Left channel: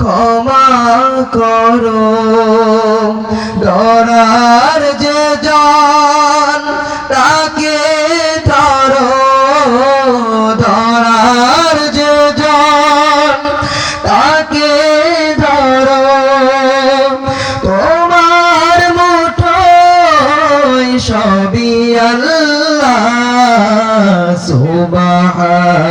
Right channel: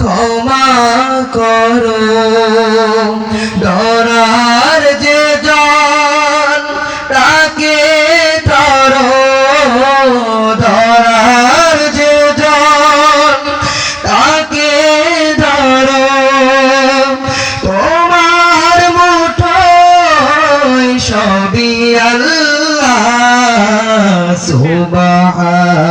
ক্ষমা করো। ডরার যে জন, তাকে ধরো। ধরার যে জন, তাকে ধরো। তোমার মুঠোয় সবই আল্লাহ, সুবহানাল্লাহ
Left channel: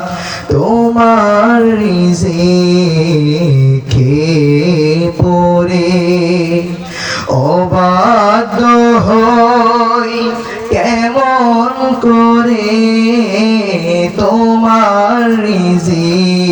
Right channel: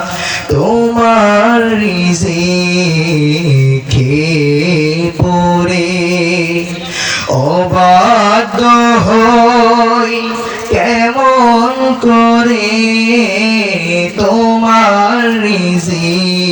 রিজিকে পরে অবাধ্য হয় কেমন করে তোমার রিজিক